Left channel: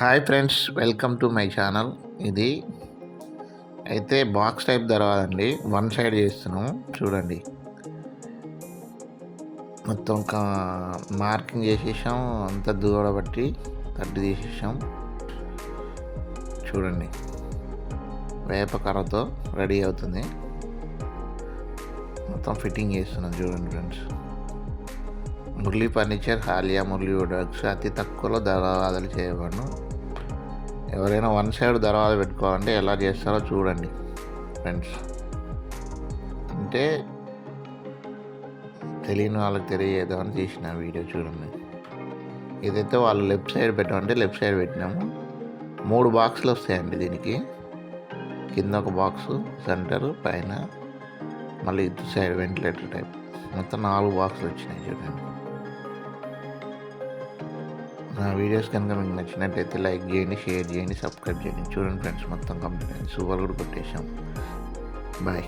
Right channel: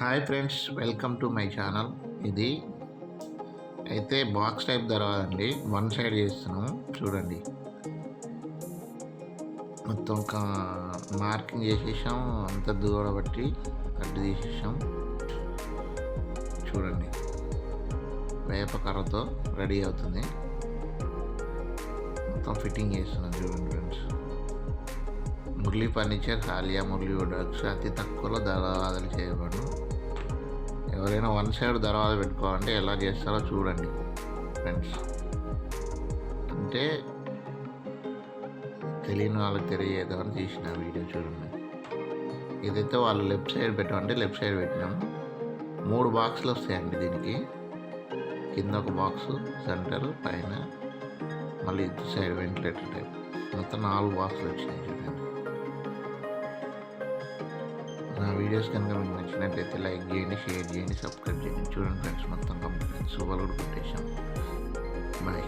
Hi friends, welcome to my channel. ఇది అయితే box type దర్వాజండి. One side చేస్తున్నాము చూడండి. మొత్తం మార్కింగ్ చేసేసాం, అంతా దూరబట్టి కట్టు తీసేసాం. చూడండి, వేప కర్రతో రెడీ అవుతుంది. మొత్తం ఫిట్టింగ్ చేస్తున్నాం చూడండి ఫ్రెండ్స్. మురళీ ఫర్నిచర్, హాలియా మురళీ వుడ్వర్క్స్ అతి తక్కువలో దర్వాజాలు చేయబడును. ఎవరైనా వన్ సైడ్ దర్వాజా పెట్టుకోవాలంటే ఎలా చేస్తారో చూడండి ఫ్రెండ్స్. అంటే తెలియని వాళ్ళకి తెలియజేద్దామని తీసిన వీడియో చూడండి. ఇదైతే వాళ్ళు లెఫ్ట్ సైడ్ పెట్టమంటే లెఫ్ట్ సైడ్ పెట్టినాము. 3 బాక్సులు వస్తాయండి దీనికి. కింద ఒక బాక్సు, సెంటర్, పైన మళ్ళీ ఇటు సైడ్ వెంటిలేటర్ టైప్. మొత్తం 4 బాక్సులు వచ్చినాయి చూడండి. నా వీడియోస్ కనుక మీకు నచ్చినట్టయితే లైక్ చేయండి, షేర్ చేయండి, సబ్స్క్రైబ్ చేయండి. చూడండి ఫ్రెండ్స్, మొత్తం కంప్లీట్ సూపర్ కూడా కొట్టేసాం. బాయ్.